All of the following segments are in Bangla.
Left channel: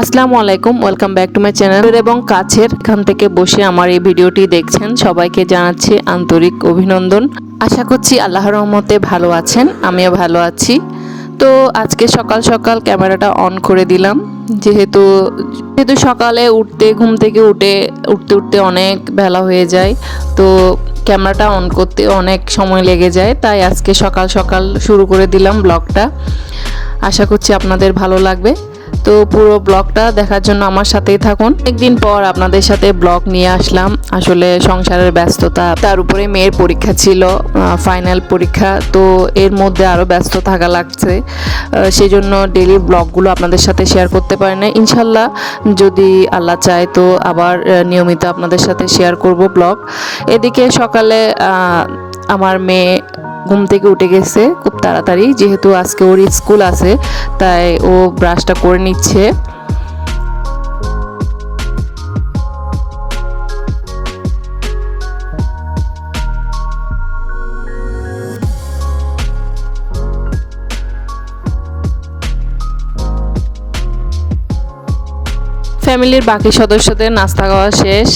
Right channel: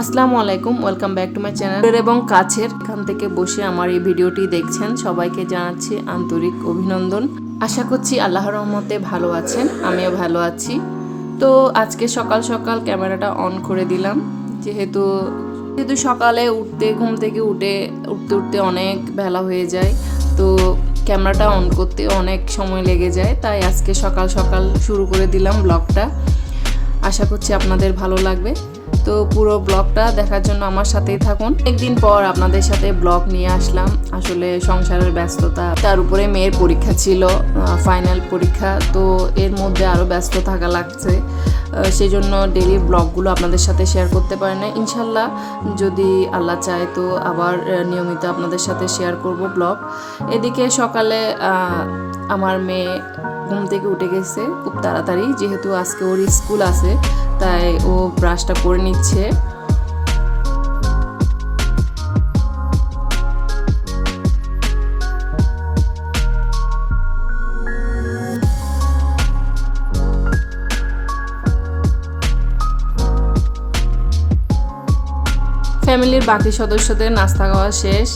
আসসালামু আলাইকুম, welcome back to my channel. এবং কাছের এখান থেকে বসে আমার এই ভিডিওটি দেখছেন সবাইকে জানাচ্ছি আন্তরিক অভিনন্দন। আশা করছি আল্লাহর রহমতে ভালো আছেন, আমিও ভালো আছি। তো আজকে সকাল সকাল ক্যামেরাটা অন করে দিলাম, যেহেতু যেহেতু সকালে ঘুম থেকে উঠতে উঠতে অনেক বেলা হয়ে যায়, তো ক্যামেরাটা অন করতে অনেক সময় লেগে যায়। তাই আজকে সকাল সকাল শুরু করে দিলাম ব্লগটা। আশা করছি আপনাদের ভালো লাগবে। তো পুরো ব্লগটা দেখার জন্য আমার সাথেই থাকুন। একদিন পর আপনাদের সাথে ব্লগ নিয়ে আসলাম। আসলে সংসারের ব্যস্ততা, তার উপরে মেয়ের পরীক্ষা ছিল, ফাইনাল পরীক্ষা, তো এর মধ্যে আরও ব্যস্ত থাকা লাগছে। সেই জন্য ডেলি ব্লগগুলো আপনাদের সাথে শেয়ার করতে পারি না। ইনশাল্লাহ যদি আল্লাহ চায় তো আবার নিয়মিত আপনাদের সাথে শেয়ার করব ব্লগ। এদিকে সকালে আমার মেয়ে ঘুম থেকে উঠে গেছে খুব তাড়াতাড়ি, যেহেতু আজকে ওর স্কুল আছে, তাই ও ব্রাশটা করে নিচ্ছে। ফ্যামিলির বাকি সদস্যদের নাস্তা খাওয়া শেষ,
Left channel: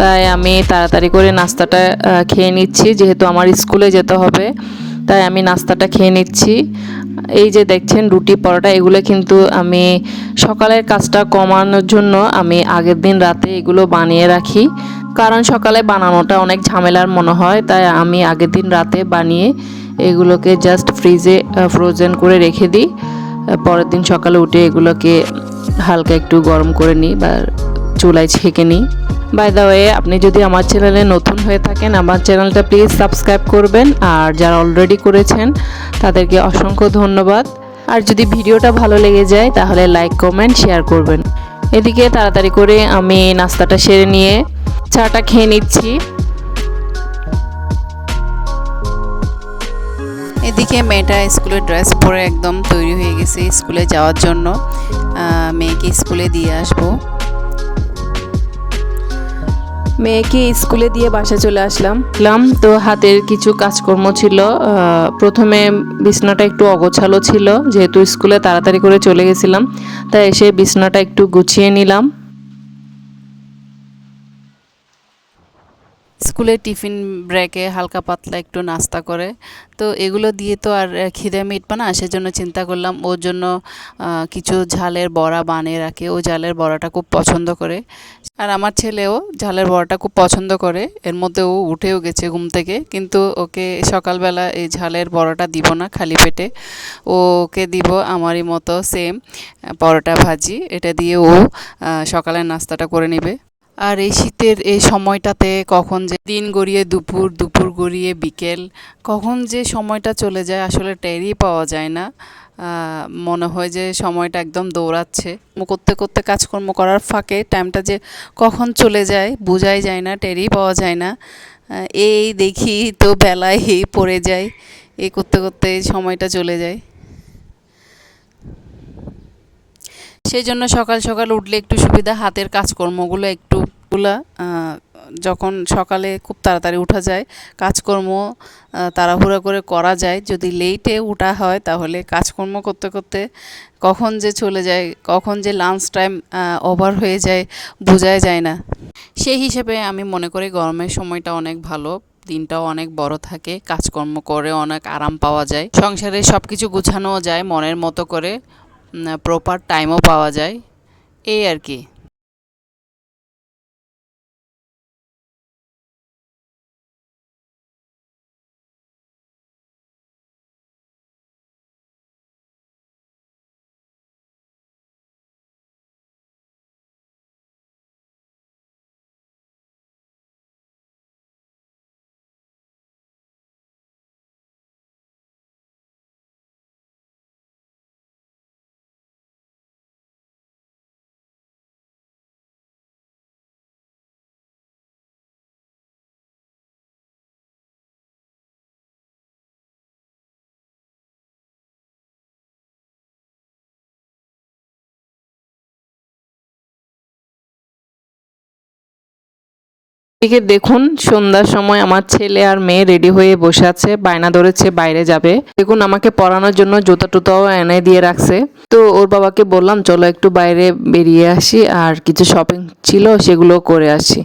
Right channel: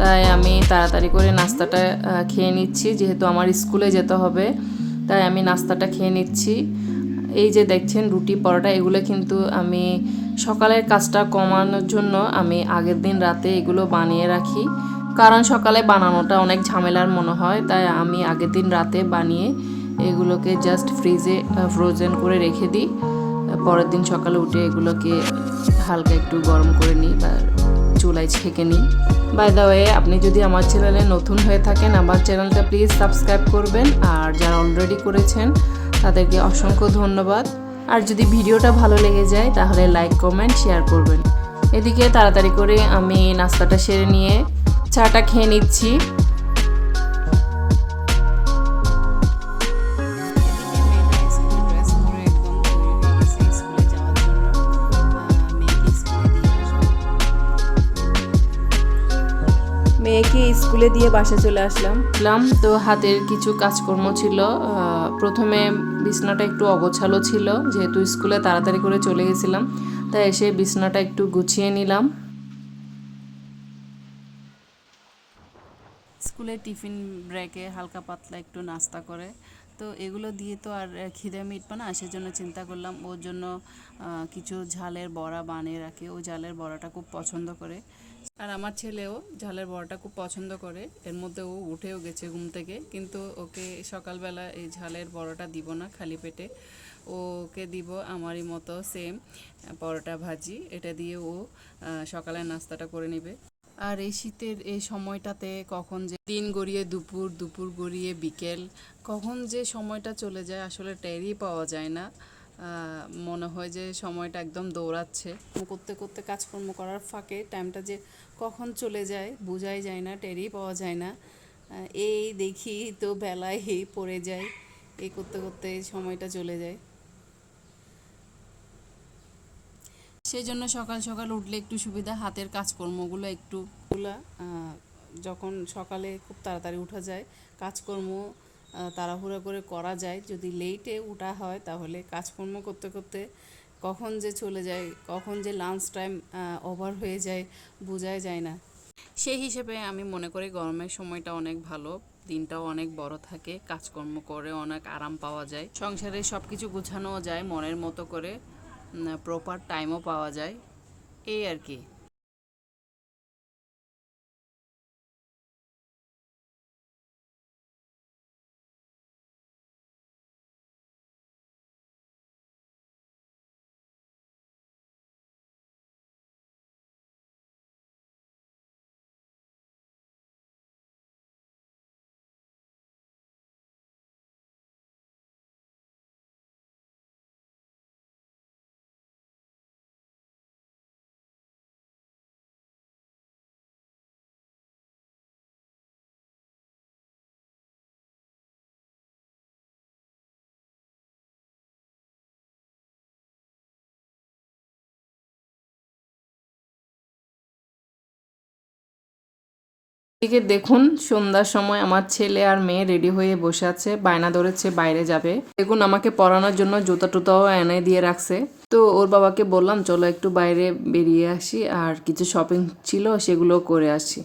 তাই আমি তাড়াতাড়ি করে নাস্তাটা খেয়ে নিচ্ছি, যেহেতু আমার স্কুলে যেতে হবে, তাই আমি নাস্তাটা খেয়ে নিচ্ছি। এই যে দেখছেন রুটি পরোটা, এগুলো কিন্তু আমি সকালের কাজটা কমানোর জন্য আমি আগের দিন রাতে এগুলো বানিয়ে রাখি, কারণ সকালে বানানোটা অনেক ঝামেলার মনে হয়। তাই আমি আগের দিন রাতে বানিয়ে এগুলোকে জাস্ট ফ্রিজে ফ্রোজেন করে রেখে দিই। পরের দিন সকালে উঠে এগুলোকে হালকা একটু গরম করে নিই বা চুলায় ছেঁকে নিই। বাই দ্য ওয়ে, আপনি যদি আমার চ্যানেলে নতুন হয়ে থাকেন, আমার চ্যানেলটা প্লিজ সাবস্ক্রাইব করবেন, আর যারা অলরেডি করেছেন তাদেরকে অসংখ্য ধন্যবাদ। আর যদি ভিডিওটা ভালো লেগে যায় তাহলে লাইক, কমেন্ট, শেয়ার করবেন। এদিকে তাড়াতাড়ি করে আমি নাস্তাটা সেরে নিয়ে চাটা খেয়ে নিচ্ছি। এদিকে মেয়েটা স্কুলের ড্রেস পরে একদম তৈরি হয়ে গেছে স্কুলে যাওয়ার জন্য। মেয়েকে স্কুলে দিয়ে আসবো। মেয়েকে স্কুলে দিয়ে বাসা চলে আসলাম। তো হাতের কিছু কাজকর্ম ছিল। প্রথমে বিছনাটা একটু অগোছালো ছিল, যেহেতু স্কুলে তাড়াতাড়ি করে চলে গেছিলাম, তাই এসে বিছনাটা একটু গুছিয়ে নিলাম। স্কুলে টিফিন ব্রেকে হালকা পাতলা একটু নাস্তা করে, তো এগুলো দিয়ে তো আর খিদে মিটবে না, সেজন্য চিন্তা করলাম ওর জন্য কিছু ঝালের বড়া বানিয়ে রাখি। ও ঝালের বড়াটা খুব পছন্দ করে, আর আমার ছেলেও ঝালের বড়াটা খুব পছন্দ করে। এর মধ্যে ও উঠেও গেছে ঘুম থেকে, কিন্তু ওকে সকালবেলা এই ঝালের বড়াটা দিব না খালি পেটে, ওকে দিব আমারই মতো সেম পরোটা ভাজি, এটা দিয়ে ও সকালের নাস্তাটা করে নেবে। আর এই শীতের এই সময়টাতে কখন যে দিন গড়িয়ে দুপুর, দুপুর গড়িয়ে বিকেল, কখন যে সময়টা চলে যায় আসলে টেরই পাওয়া যায় না। মনে হয় যে সময়টা একদম দৌড়াচ্ছে। করতে করতে কাজকর্ম করার ফাঁকে টাইমটা যে কখন চলে যায় বোঝাই যায় না, টেরই পাওয়া যায় না। এই দেখি তো বেলায় পড়ে যায়, এই করতে করতে সময়টা চলে যায়। সেই জন্য সকাল সকাল উঠলে একটু সুবিধা, হাতের কাজকর্মগুলো একটুগুলা যখন সকালে খুব তাড়াতাড়ি উঠা যায়, কাজকর্ম তাড়াহুড়া করে করা যায়। যদি লেটে উঠা হয় তাহলে কাজকর্ম করতে করতে কখন যে চলে যায়, কখন যে লাঞ্চ টাইম ওভার হয়ে যায় বোঝাই যায় না। সেই হিসেবে আমি মনে করি গরমের সময়টা অনেক ভালো, দিনটাও অনেক বড় থাকে, কাজকর্ম করে অনেক আরাম পাওয়া যায়, সংসারে সব কিছু গুছানোও যায় মনের মতো করে, প্রপার টাইমও পাওয়া যায়, এই আর কি। এদিকে দেখুন সন্ধ্যার সময় আমার ছেলে আর মেয়ে রেডি হয়ে বসে আছে, বায়না ধরেছে বাইরে যাবে। দেখুন আমাকে পড়ানোর জন্য জুতা টুতাও এনে দিয়ে রাখছে। তো ওর বাবাকে বললাম চলো একটু বাইরে বেরিয়ে আসি আর কিছু শপিং ছিল সেগুলো করে আসি,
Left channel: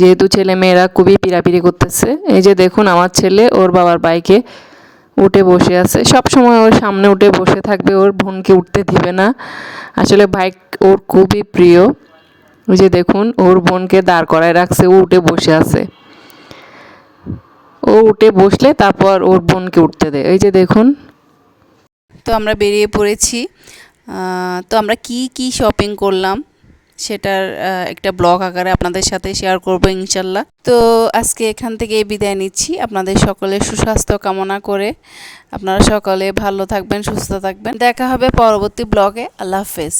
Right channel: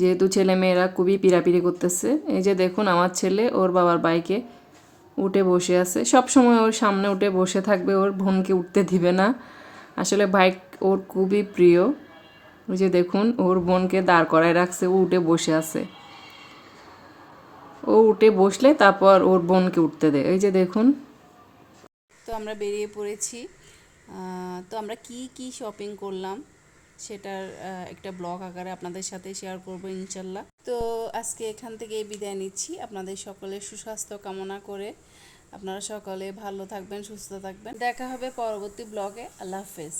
যেহেতু ছেলে মেয়েরা খুবই পিড়াপিড়ি করতেছে। এই যে দেখুন আমার ছেলে ওর বাবার বাইকে উঠে বসে আছে, সব সময় ওর সামনে উঠে বসে থাকবে, ওর বোনকে উঠতে দিবে না। আসলে বাইক ওর খুবই প্রিয়। ওই যে দেখুন ওর বোনকে দাঁড় করায় রাখছে, ও উঠে বসে আছে। ও উঠে বসলে তারপর ওর বোনকে উঠতে দেয়। এই যে দেখুন। তো আমরা বেরিয়ে পড়েছি। তো আমরা কি শপিং করলাম সেটার একটা ব্লগ আকারে আপনাদের সাথে শেয়ার করব ইনশাল্লাহ। তো আজকে এখান থেকে বিদায় নিচ্ছি, আপনাদের সকলের সুস্বাস্থ্য কামনা করে। আপনারা সকলে ভালো থাকবেন, সুস্থ থাকবেন। দেখা হবে পরবর্তী ব্লগে। আল্লাহ হাফেজ।